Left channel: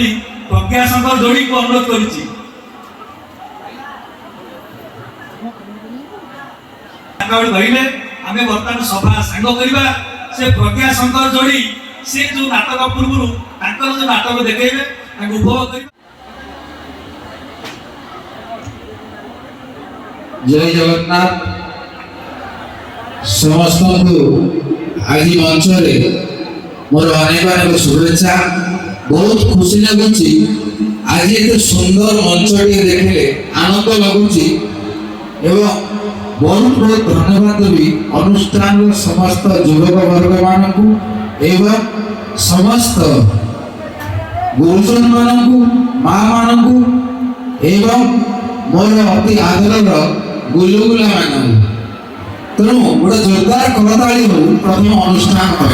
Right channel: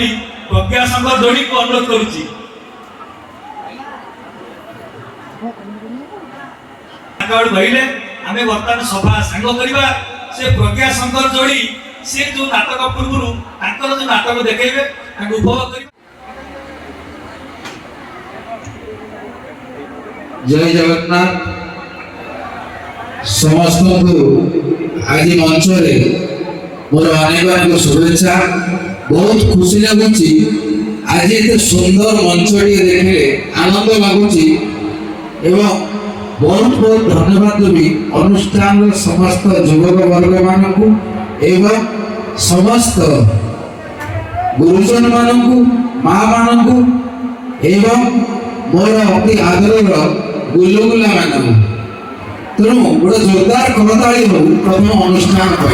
ବୋଲି ପ୍ରଜ୍ଞାଶଙ୍କର ଯୋଡିକୁ ଅନୁରୋଧ କରୁଛି। କହିଲେ ଆମେ ବର୍ତ୍ତମାନ ସଭା ସାଙ୍ଗ କରିବା। ସେ ପ୍ରଜ୍ଞାଶଙ୍କର ଯୋଡି ସେ ଯୋଉ ନାଟକ ପୂର୍ବରୁ ତାଙ୍କର ଯୋଉ ନାଟକ ଦେଖେଇବେ ତାଙ୍କୁ ଉପଭୋଗ କରିବା। जय जगन्नाथ समस्त आज मंच मोर अनेक शुभेच्छा। बहुत खुशी लगुच आज एत सुंदर मंच देखे आनंद लगुच एवं बहुत बहुत धन्यवाद देवी अनुष्ठान समस्त युवक वर्ग मानक एवं समस्त गुरुजन मानक माँ मानक एवं मोर अति आदर गुलुगुला मान तेणु गोटे जोरदार करताली हो प्रथम अनुष्ठान पर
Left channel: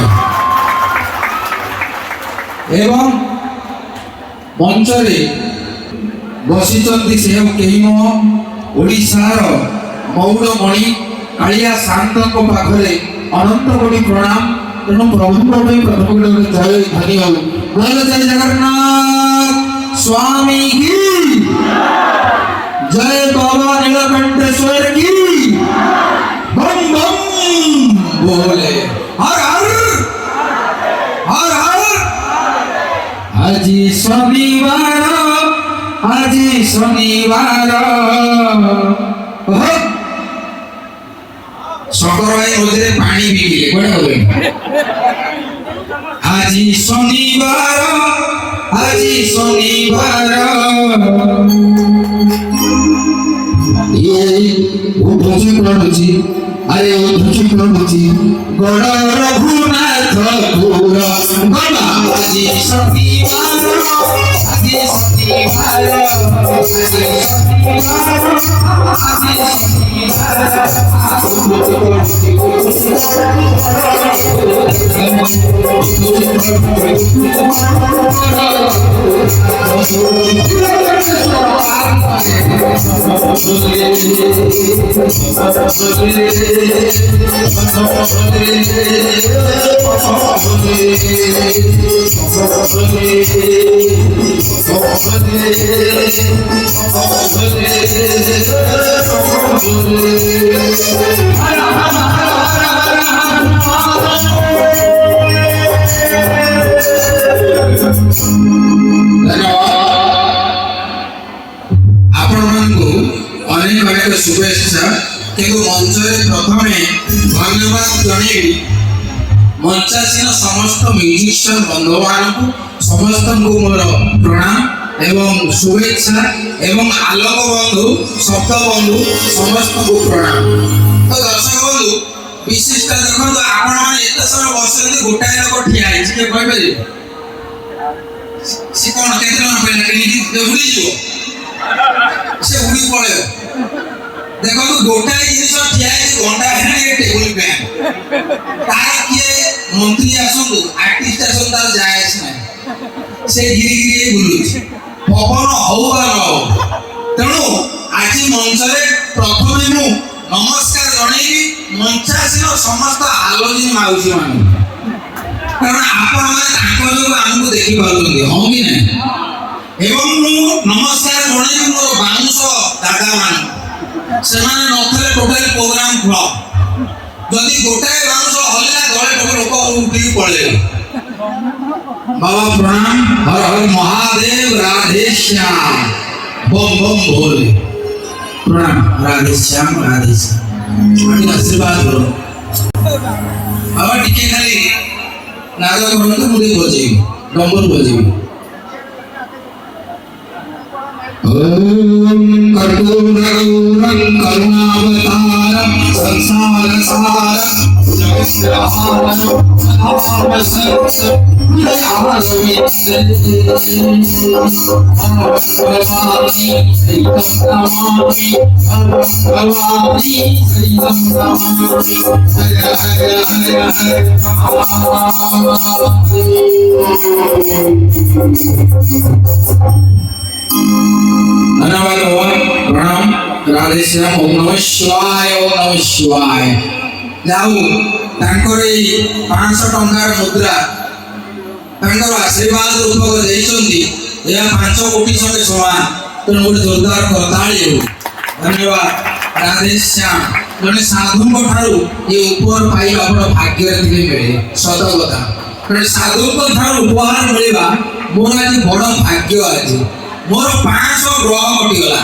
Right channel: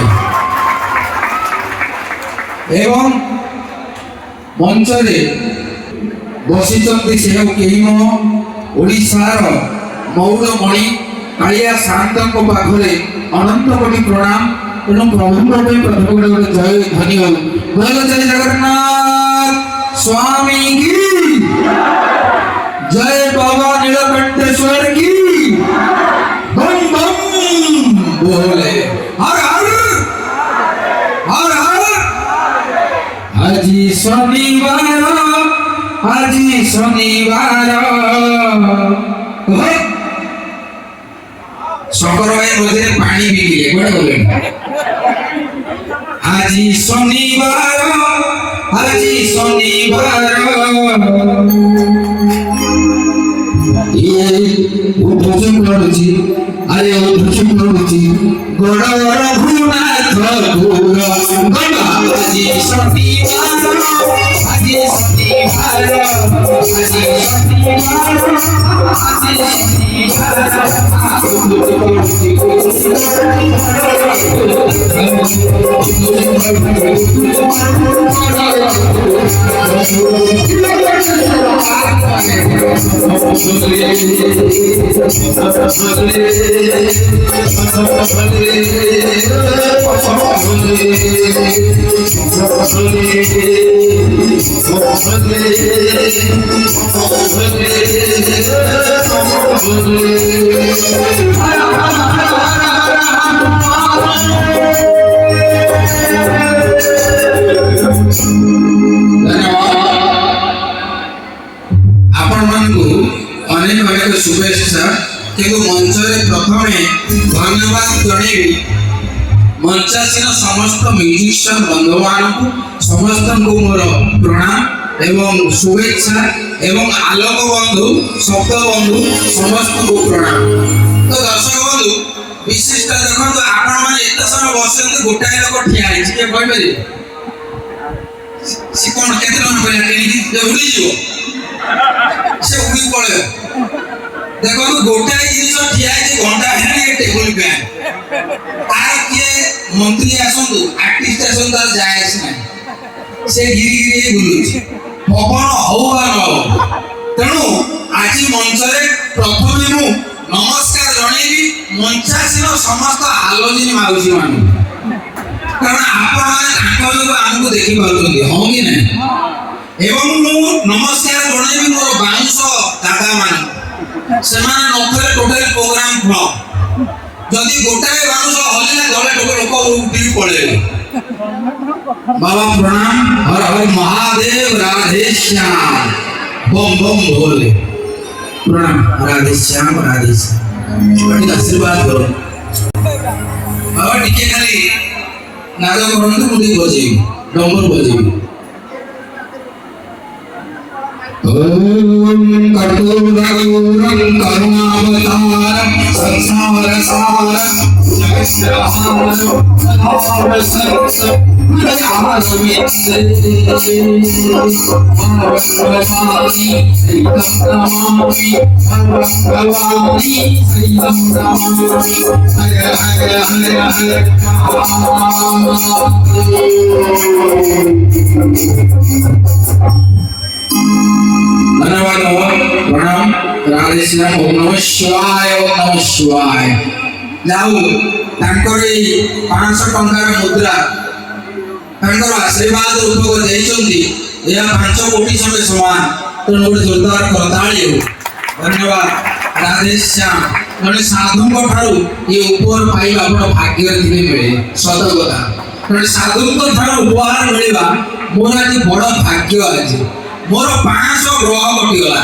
एवं मंच बसी से कहीं ओडिशार मौड़मणि कालिया शांत पाखे अनंत कोटि प्रणाम। तेणु प्रभु प्रथम गोटे जय धन्य बोल जय जगन्नाथ स्वामी की जय बाबा नीलकंठेश्वर की बम बम बोले हर हर हर हर। आज शनिवार शंकर भाई रोजे पानी पी लिए बड़ा हो गया। आज शनिवार अरे गड़ रघुनाथ दूर अनेक शुभेच्छा। मंच प्रथम धन्यवाद जन मंचासीन समस्त म्यूजिशियन बंधु मान समस्त मोर प्रणाम एवं शुभेच्छा एवं आलोक बंधु शब्द बंधु समस्त को प्रणाम। तो दर्शक बंधु विशिष्ट देखो आपण मैंने एत समय बस गोटाए लोक ठिया है सी कौन के पहले उड़ी से उड़ी पड़े देखो गोटाए जिनिस ठिया है घंटा है टेबल फैन तार किए मंत्री आसंतु आर्टिस्ट आसंतु तार जाए से गिरी गिरी बुलु पवन हौ बा न तेणु आज मंच प्रथम मु नमस्कार जनइबी मंचासीन समस्त आलोचनी माउसी मान कारण आपण आमको देखी पाउछन्ती हां कि ना एवं मु नमस्कार जनइबी मोर बांश दादा मान से नथले टोटल प्रोग्राम फ्लॉप जदि गोटाए बांश हल्ला गले टोटल लोक उठी पड़े। बाबा प्रणाम हर हर महादेव राधे श्याम बम बम भोले प्रणाम राधे श्याम आशीर्वाद करो बाबा टिके खाली नागा बंद मुझे बजेबी डंबर बजेबी ओम कर्पूरगौरं करुणावतारं संसार सारं धन्यवाद प्रणाम राधे श्याम ओम नमः शिवाय जाऊ तांकर 500 टंकार मुद्रा तांकर आशीर्वाद रूपक देइछन्ती ଏହା 5 କୋଟି ସଙ୍ଗେ ସମାନ। ତେଣୁ ଗୋଟେ ଜୋରଦାର କରତାଳି ହେଉ। ଧନ୍ୟବାଦ ରାଧେଶ୍ୟାମ। ଜଣେ ସାଧୁଙ୍କ ଠାରୁ ଏ ଉପହାର ପାଇବା ବଡ଼ ଭାଗ୍ୟରେ ଥିଲେ ମିଳେ, ସତ କଥା। ଜଣେ ସାଧୁଙ୍କ ଠାରୁ ଉପହାର ମିଳିବା ମୋର ଆଜି ବଡ଼ ଭାଗ୍ୟ। ଆଜି ମୋର 500 ଗ୍ରହ କଟିଗଲା।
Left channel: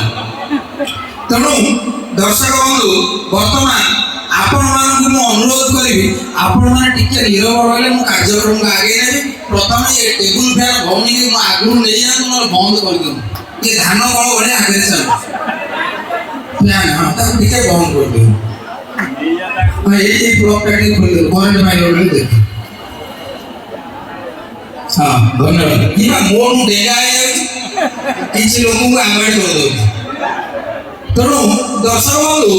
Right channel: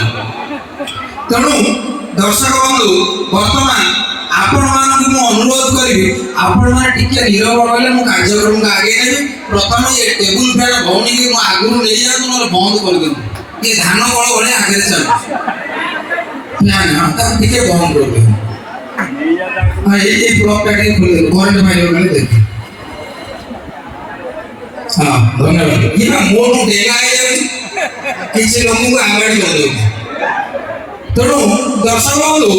ତେଣୁ ଦର୍ଶକ ବନ୍ଧୁ, ବର୍ତ୍ତମାନ ଆପଣମାନଙ୍କୁ ମୁଁ ଅନୁରୋଧ କରିବି, ଆପଣମାନେ ଟିକେ ନିରବ ରହିଲେ ମୁଁ କାର୍ଯ୍ୟକ୍ରମକୁ ଆଗେଇ ନେବି। ପ୍ରଥମେ ଏ ଟେବୁଲ ଫ୍ୟାନ୍ ଭଉଣୀକି ମୁଁ ଆଗରୁ ନେଇଯାଆନ୍ତୁ, ନହେଲେ ବନ୍ଦ କରିଦିଅନ୍ତୁ। ଏ ଧାନ କଳ ଭଳିଆ ଆଗରେ ଚାଲୁ ତାକୁ ଟିକେ ବନ୍ଦ କରିଦିଅନ୍ତୁ। ଏଇ ବ୍ଲକଟା ଟିକେ ଖୋଲିଦେବେ, କରେଣ୍ଟ ମାରିବ ବୋଲି ଦେଖି। ହଁ, ଧନ୍ୟବାଦ। ଇଏ ମୋଠୁ ଡେଙ୍ଗା ହେଇଯାଉଛି, କିଛି ଲୋକଙ୍କୁ ଆଗାଡ଼ି କରିଦେଉଛି। ତେଣୁ ଦର୍ଶକ ବନ୍ଧୁ,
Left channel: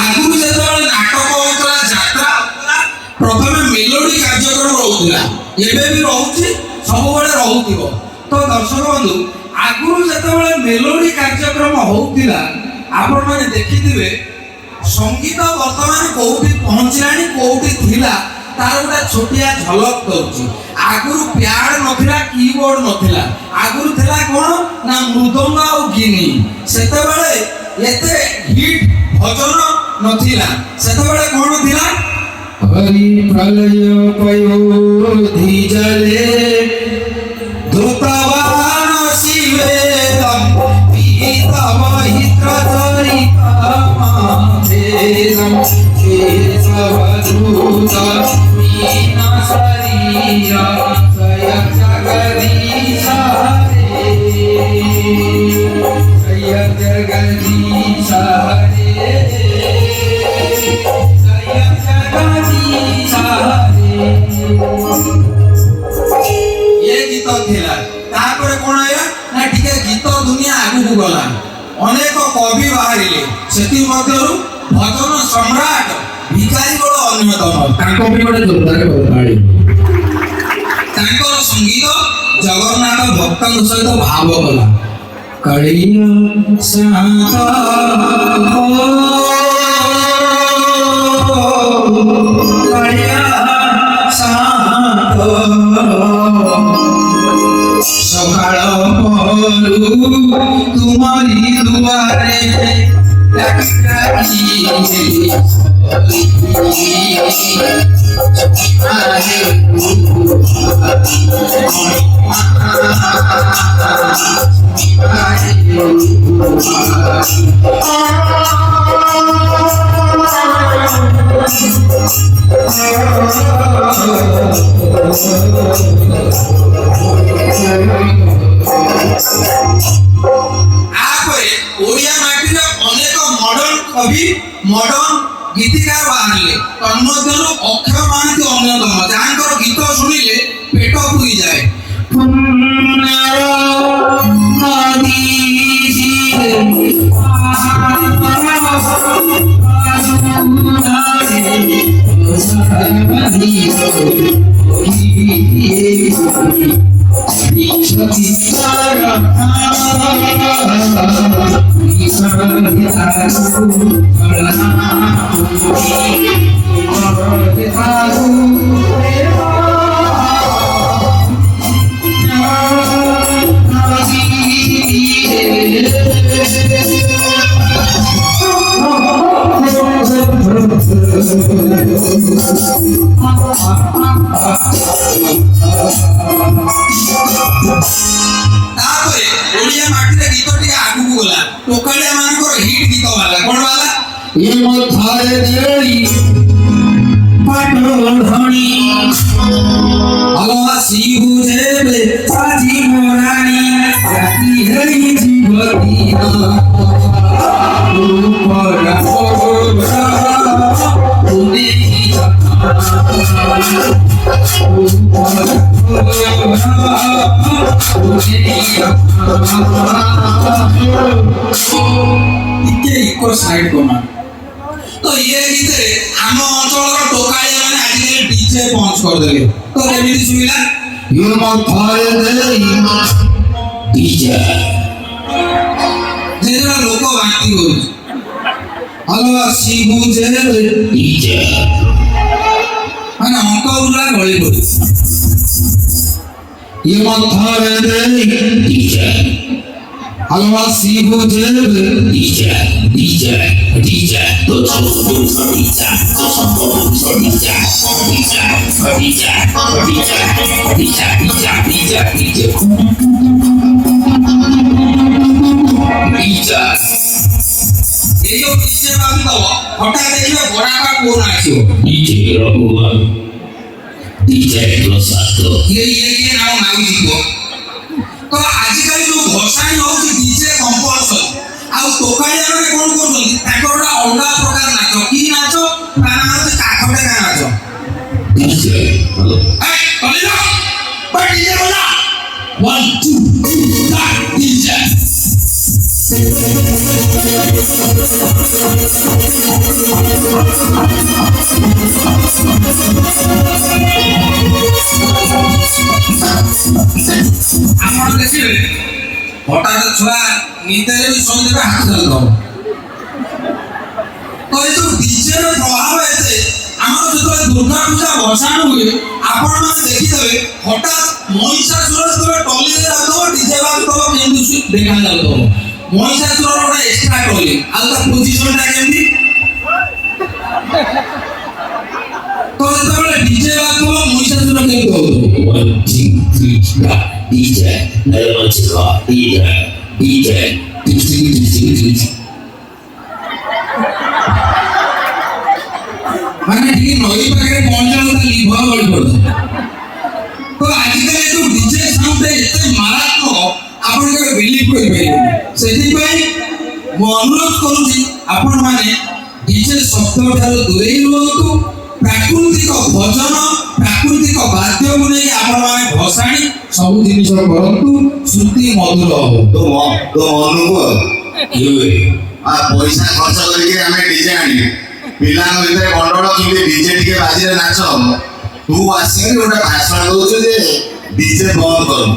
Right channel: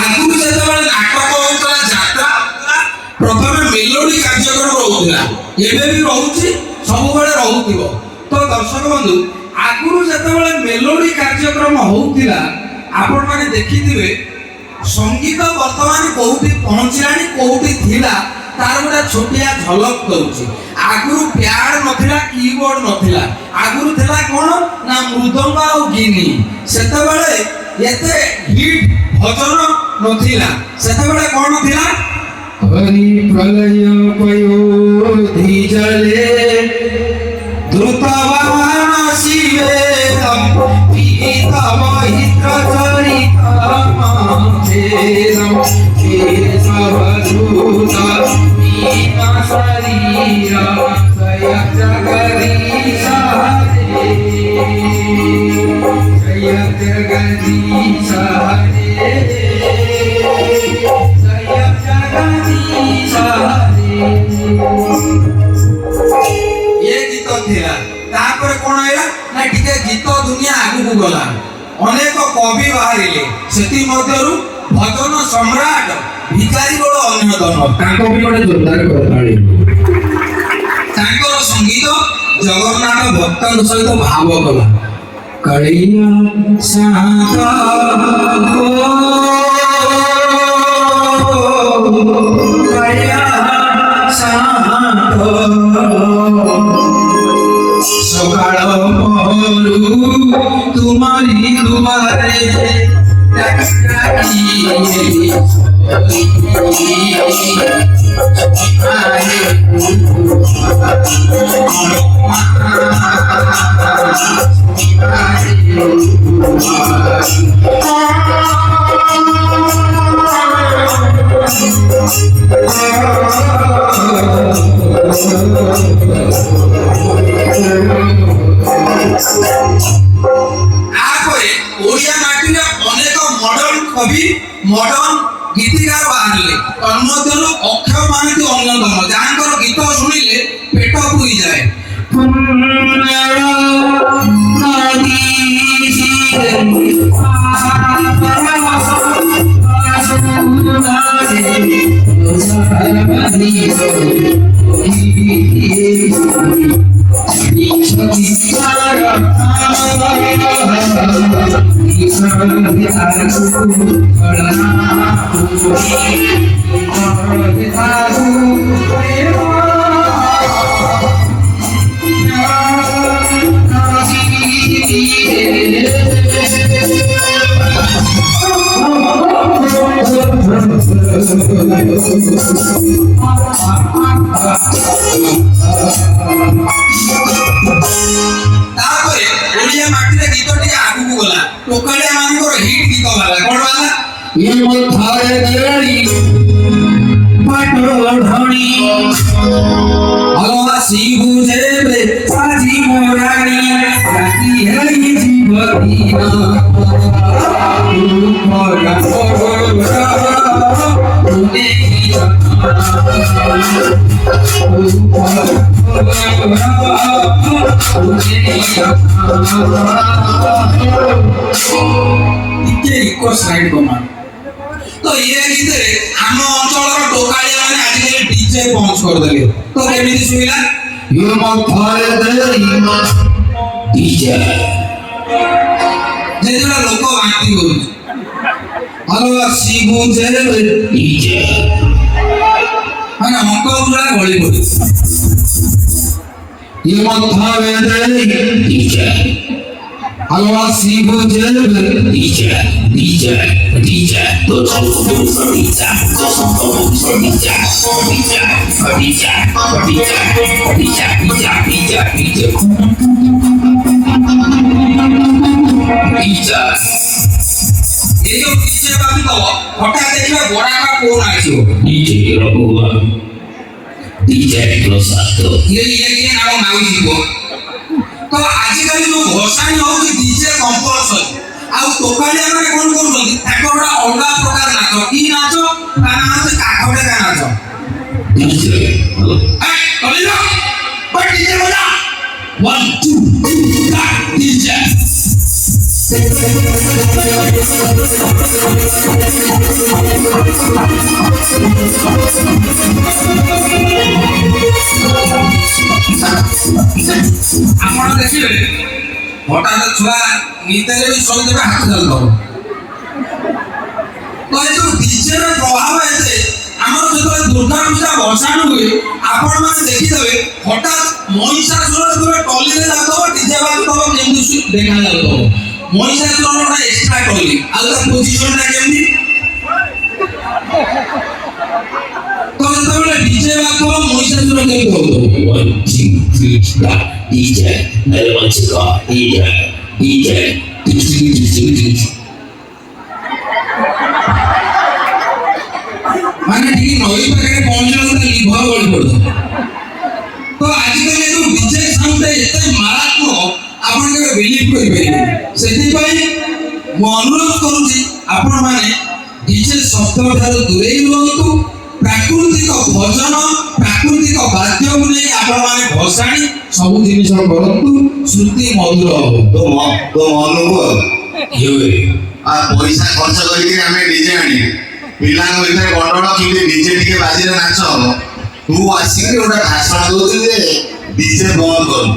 ଆଗରୁ ଯେତେବେଳେ ନାଟକ ହେଉଥିଲା, ଯାତ୍ରା ହେଉଥିଲା, ପ୍ରଥମେ ମେଲୋଡି କାର୍ଯ୍ୟକ୍ରମ ରହୁଥିଲା, ଏବେ ବି ରହୁଛି, ସବୁବେଳେ ରହୁଥିବ। ତ ଦର୍ଶକ ବନ୍ଧୁ, ଆଗରୁ ଯେତେବେଳେ ମେଲୋଡି କାର୍ଯ୍ୟକ୍ରମ ହଉଥିଲା, ଆପଣମାନେ ଦେଖିଥିବେ ସଙ୍ଗୀତ ବର୍ତ୍ତମାନ କୋଉଠି ପହଞ୍ଚିଲାଣି, କୋଉଠି ଥିଲା, ତାର ଗୋଟେ ଛୋଟିଆ ଝଲକ ଦଉଛି। ଆଗରୁ ପ୍ୟାଡ୍ ନଥିଲା, କିବୋର୍ଡ ନଥିଲା, ଆଗରୁ ଥିଲା କ'ଣ ନା ମୃଦଙ୍ଗ ଆଉ ଗିନି। ସେତେବେଳେ ଏତେ ହିଟ୍ ଭଜନ ନଥିଲା, ସେତେବେଳେ କ'ଣ ଥିଲା? ହରି ପ୍ରଲୟ ପୟୋଧି ଜଲେ ଧୃତବାନ ଶିବେଦମ୍ ପୀତମ ହିତଚରିତମ୍ ଛେଦମ୍ କେଶବଧୂତ ମୀନ ଶରୀର ଜୟ ଜଗଦୀଶ ରେ, ଜୟ ଜଗଦୀଶ ରେ, ଜୟ ଜଗଦୀଶ ରେ। ଏ ଗୀତ ଥିଲା। ତାପରେ କ'ଣ ହେଲା ନା ଟିକେ ଗୀତ ଦୁନିଆ ଆଗକୁ ଗଲା, ଅନେକ କବି ବାହାରିଲେ। ସେଥିମଧ୍ୟରୁ ଭଜନ ସମ୍ରାଟ ଭିକାରୀ ବଡ଼ ଅନ୍ୟତମ। ତାଙ୍କ ପାଇଁ ଗୋଟେ ଜୋରଦାର କରତାଳି। ତାଙ୍କର ସଙ୍ଗୀତ ଜଗନ୍ନାଥ ଭକ୍ତଙ୍କ ସହିତ ଭାବ କଲା। କାଳିଆ ସାନ୍ତ କାଳିଆ ସାନ୍ତ ସକାଳ ପହରୁ ତୁମରି ଦୁଆରେ ଓଡ଼ିଆ ମାଟିରେ ଅନେକ ମଡର୍ନ କବି, ମଡର୍ନ ଗୀତିକାର ବାହାରିଲେ। ତନ୍ମଧ୍ୟରୁ ଅକ୍ଷୟ ମହାନ୍ତି ଅନ୍ୟତମ, ଯାହାଙ୍କର ଗୀତ ଶୁଣିଲେ ପେଟ ପୁରିଯାଏ। ତାପରେ ଓଡ଼ିଆ ମାଟିରେ ଗୀତ ଟିକେ ଆଗକୁ ଗଲା। ଟୋକାଳିଆ ମାନଙ୍କର ହିଟ୍ ଗୀତ ବାହାରିଲା। କ'ଣ ବାହାରିଲା? ଏ ମଥାରେ ଦେଳି ପାଟଢଣି ଅଲସି ବୁଝେବେ ସାଜି ମରାଣି ରାତି ହେଇ ଜୀବତୀନ ଟିକେ ଇକୋ ସାଇଡ୍ କମା। ତ ଇଏ ଭିତରେ ଆମ ଅଞ୍ଚଳର ଟୋକାଳିଆ ମାନେ ଆଜିକାଲି ଡିଜେ ପଞ୍ଚ କରିଦେଲେ। ତ କେମିତି ଶୁଭିଲା? ଡିଜେ ଯେତେବେଳେ ଲୋକ ବାନ୍ତି କରୁଛି, ହଲୋ ଶିବୁ ଡିଜେ ମାନେ ଅଙ୍କ ଗୁଡ଼ା ଗଳି ପଡୁଛି। DJ Allah sibu jel DJ to chau DJ to chau DJ এই যে পিছে বাবু দাও হঠাৎ দেখলে বড়াটা কোন আছো DJ রঘুগণ DJ প্রসাদ এই নাম মাউজি গো তো আজকাল যে ঘোষাই হচ্ছে DJ কম্পলসরি ଆଉ ତୋକାଳିଆ ମାନେ କଣ କରୁଛନ୍ତି ତାଙ୍କର ଗୋଟେ ଅଲଗା ପ୍ରକାର ନାଚ କି ନାଚ ତା ନାଁ ହଉଛି କାଠଡେକା ନାଚ DJ ତମେ ନା ବଟ DJ ବଜା 1 2 3 DJ ଆପଣ ଦେଖିବେ হঠাৎ ছুয়া নিতারে ବି ଶୋଇଦେବେ ହାତ ଧରିଦେବ ତ ଏ ଯୋଉ ଡିଜେର ପ୍ରଭାବ ଏତେ ଆମର ଯେତେବେଳେ ଦୁର୍ଗା ପୂଜା ଭସାଣ ହୁଏ ଆପଣମାନେ ଦେଖିଦେବେ ହଠାତ୍ ମହିଷାସୁର ଯେତେବେଳେ ଟଲିରେ ଯାଉଥିବ ଡିଜେ ବାଜୁଥିବ କେମିତି ଦେଖାଯାଉଥିବ ମହିଷାସୁରର ଗୋଟେ ଏକ୍ସଟ୍ରା ଟଲି ଆଉ ତା ପୋଜିସନଟା କେମିତି ତ ଯେତେବେଳେ ଡିଜେ ବାଜୁଥିବ ମହିଷାସୁର କେମିତି ହଉଥିବ DJ Melodica DJ মানে ঠিক নই পাখে পৌঁছানো তা লিভার গড়ি পড়ে তো আজকাল এই ডিজে সাউন্ড এতে মারাত্মক আপন কেবে বিলিভ করি পাইবে সেটি পাই মু অনুরোধ করুছি আপন মানে ডিজে শব্দ ঠাରୁ দূরেই ରୁହନ୍ତୁ ପ୍ରାକୃତିକ ଭଜନ ପ୍ରାକୃତିକ ବାଦ୍ୟକୁ ନେଇ ଆପଣମାନେ ଭସାଣି ସବୁ ଜିନିଷ କରନ୍ତୁ ଶ୍ରୁତି ମଧୁର ହବ তো মনুକୁ ପଇସା ଖର୍ଚ୍ଚ କରିକି ଆମେ ଡିଜେ ଆଣିବୁ ପିଲାଙ୍କ ଭିତରେ ଗଣ୍ଡଗୋଳ କେମିତି ଡିଜେ ଟିକେ ବାଜିଲେ ନାଚ ହବ ତୁ ଆସିକି ଗୋଟେ ଭାଷଣ ଦଉଛୁ ଯେ ଡିଜେ ବନ୍ଦ କରୁ